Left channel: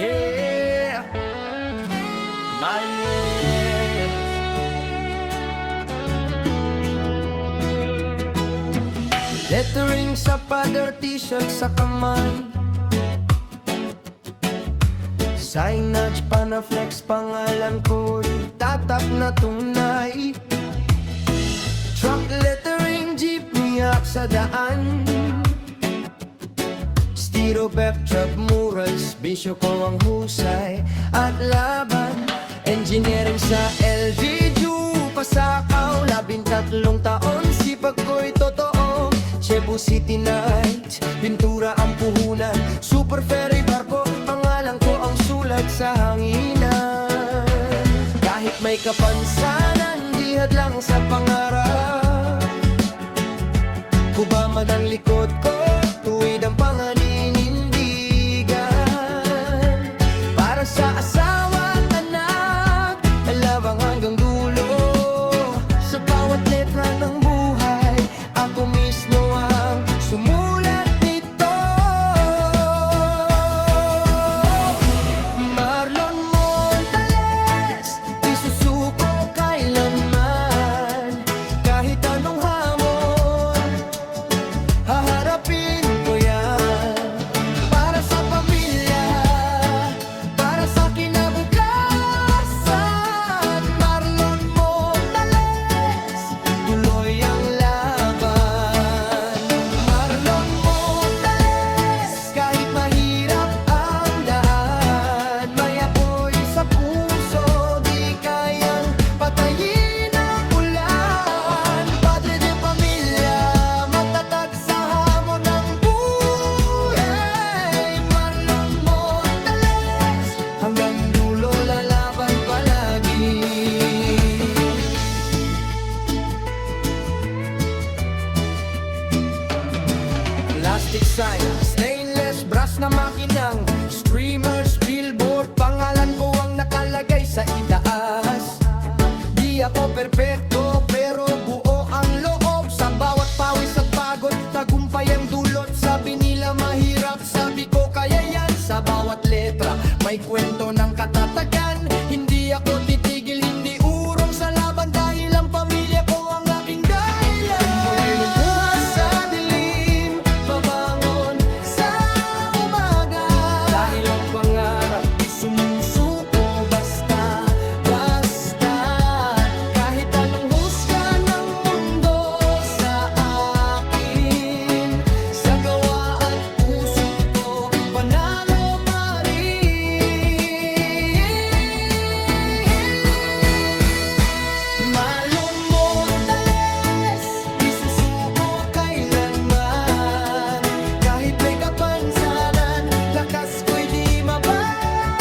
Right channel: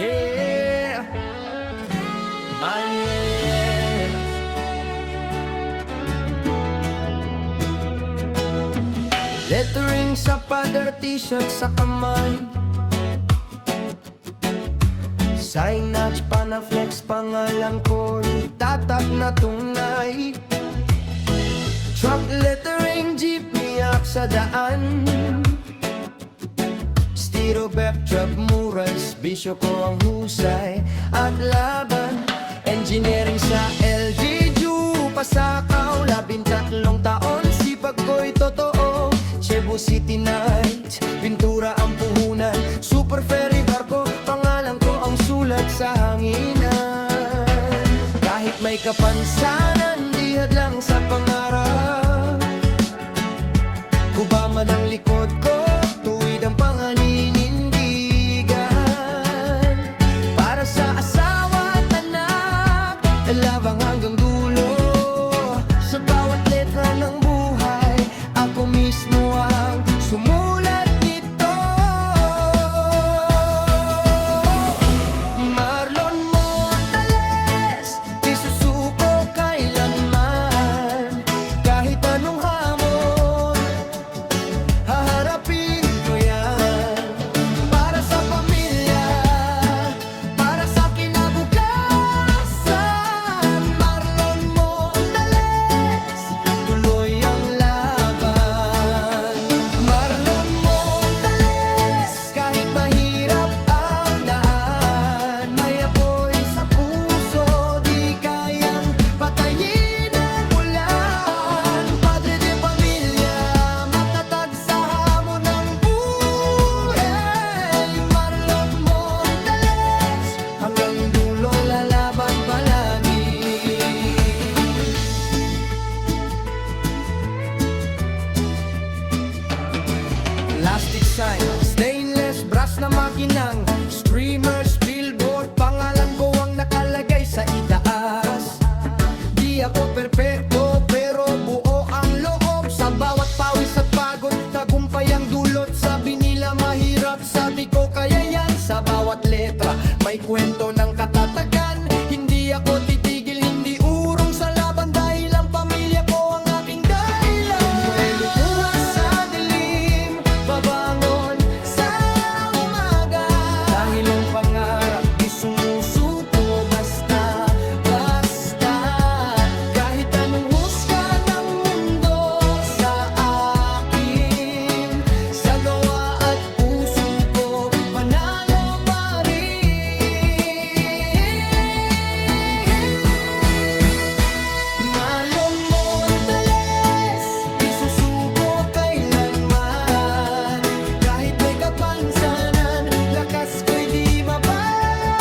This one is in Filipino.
Yeah, Manuel. Lettering sa pader, t-shirt sa kamay, sign notch pa na flex, pangalan ko'y tatak na tunay. Truck lettering, jeepney up sa daan, stiro backdrop murals, bisyo ko ang husay at laban. Engineering sa LG, pasakaw, 13 taon, sipag ko'y totoo. Cebu City Nights, pintura ang puhunan, super ferry barko, pangalan ko ang sulat sa hanginan. Kahit may kapansanan, di hadlang sa pangarap, kubama ng likod ko, tuwid ang panganinindigan. Para sa asawa at anak, labang hanggang dulo. Sa bawat letra ng buhay, ako mismo ang sumulat nito. Marlon Montales, di susuko kailanman. Kahit anong hamon, haharapin ko yan. Para sa pamilya, para sa kinabukasan, Marlon Montales, tuloy ang laban. Marlon Montales, kahit mahirap ang daan, may apoy sa puso, di kayang patayin ang ulan. Padre de pamilya, matatag sa hamon ng buhay. Marlon Montales, hanggang dulo lalaban palagi. Plastic sign, stainless brass na makinang, streamers, billboard, pangalan ko ang nakalagay sa itaas. Di ako perpekto pero buo ang loob. Sa bawat pawis at pagod, tagumpay ang dulot. Sabi nila mahirap, sabi ko kaya yan. Sa bawat letra, may kwento ng katatagan. Hindi ako titigil, hindi urong sa laban, dahil ang pamilya ko ang aking dahilan. May lumuha sa dilim, babangon sa umaga, dahil ang pangarap di sumusuko basta. Kahit anong husga ng mundo sa akin, sa gawa at puso ko, panalo pa rin. Marlon Montales, di susuko kailanman. Kahit may kapansanan, lakas ko'y di mababa.